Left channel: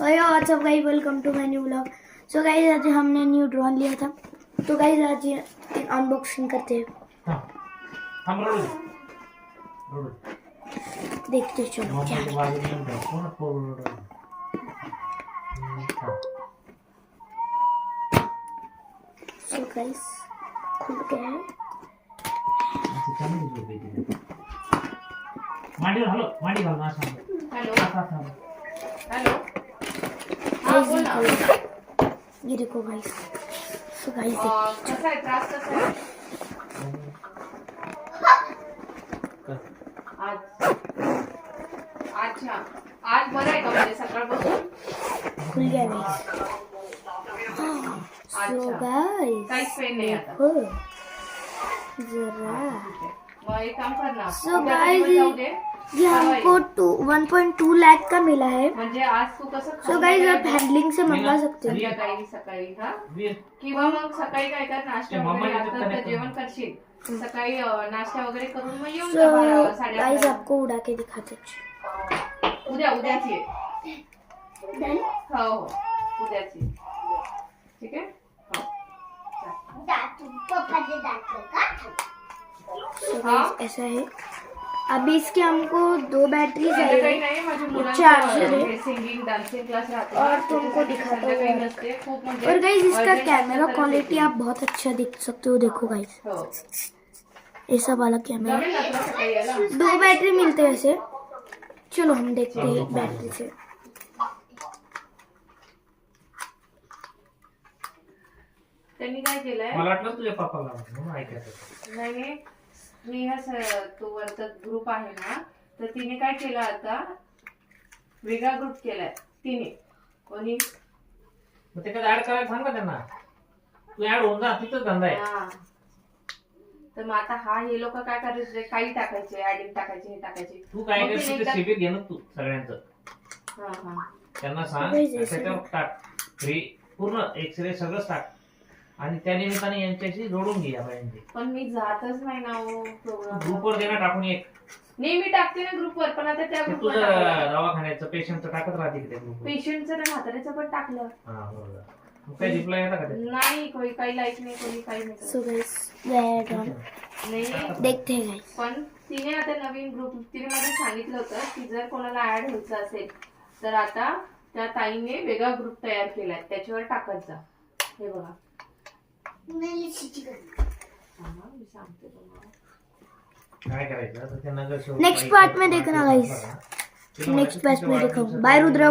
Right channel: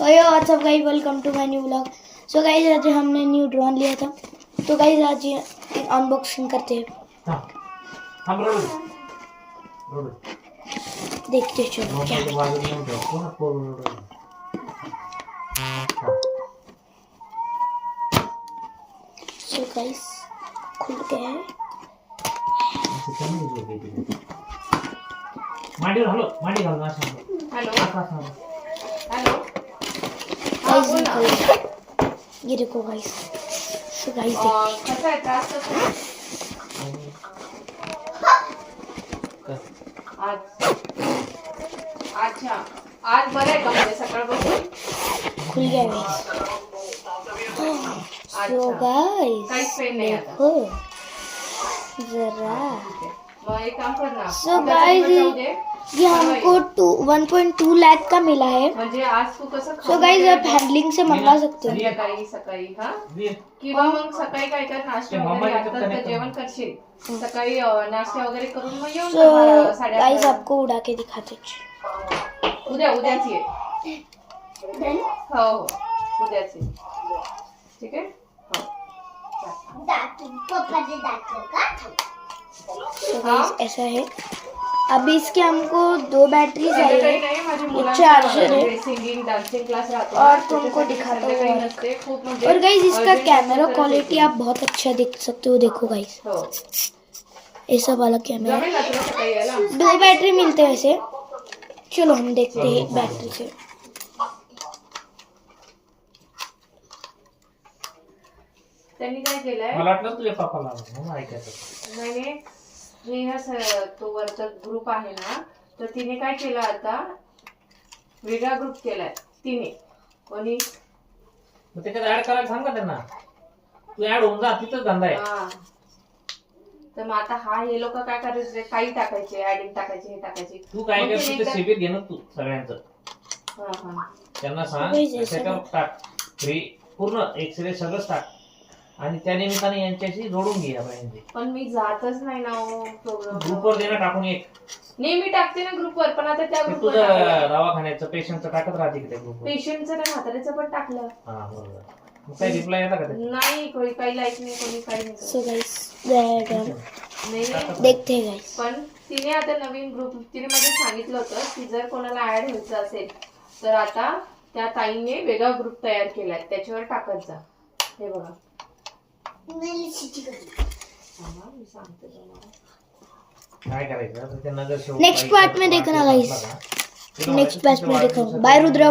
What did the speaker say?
WhatsApp guys, welcome to my new vlog. So guys आज हमने new drone लिया था, तो गाइस आज ये अनबॉक्सिंग करते हैं। हम देखते चलो क्या सो गाइस खुल गया है। ये देखो गाइस। सो गाइस देखते आज बरं आहे का म्हणजे सकाळपासून खुल गया गाइस। सो गाइस काहीच पेन नाही आता देखो जरा। मग एक काम कर ना सो गाइस ये हमको 1.2 लाख का मिला है। म्हणजे आज तू कसं सो गाइस आप हैंडलिंग से मंगा सकते हो। सकाळी हा किंवा मग सकाळी काय कर नाश्ता वगैरे आता तर जेवण करशील सकाळी नाश्ता वगैरे करून मग येऊन सो गाइस आपको उड़ा के दिखाते हैं। उद्याची आहे हो उद्याची ठीक आहे सो गाइस ऐसा है। अभी इसके हमको 2 बैटरी चाहिए, चार्जर है सिंगिंग डांसिंग क्लास और तुमको दिखाता हूँ। और गाइस इसका कैमरा क्वालिटी आप बहुत अच्छा देख सकते हो। देखो गाइस ऐसा वाला कैमरा। 2 बैटरी मिलते हैं वैसे। चलो हम देखते हैं एक बैटरी से। त्यांनी काय केलंय मला वाटलं तुझ्या पप्पाला म्हणून ऐकायचं नाही स्नेहा तो वरचा ग्रुप आहे ना तर तिने काय केलं आता वेगळा ग्रुप केलाय तिने कोणी मग त्याच्यात ऍड करायला सांग ना त्यांना तू ऍड होऊन जा तिथंच धंदा आहे तर मग आता हा हे लोक काय करायचे काही टाकायचे ऍडिंग टाकायचे हे टाकायचे तू काय करशील ते शिबिर घे ना तू सगळ्यांचं त्यांना सांग त्याच्यावर टाक फ्री पूर्ण एक्सरे सगळंच टाक आणि त्या निमित्ताने यांच्याशी जोडून घे पाहिजे। पण मी जातच नाही ना प्रोग्राम ग्रुपवर देणं टाकून एक नाही मी टाकते ना ग्रुपवर पण आता त्या तुझं दवाखान्याचं पेशंटचं टाकत राहते की त्या ग्रुपवर पेशंटचं त्या म्हाताऱ्याचं पण टाकलं हा बरोबर मग काय रिप्लाय येता का ते नाही कोणी काही लाईक नाही कोणी काही नाही सो गाइस नाही देखते हैं गाइस। पण तिने आता नवीन ग्रुप तिने मध्ये सांगितलं होतं की जर कोणाला ऍड व्हायचं असेल तर आता त्या ताईने वेगळा ग्रुप तयार केलाय त्याच्यावर टाकत जा। हे बघा मी सांगते तुम्हाला काय करायचं तर ते नगर नेक्स्ट पार्ट में देखना गाइस। नेक्स्ट पार्ट में देखो। बाय रुद्र।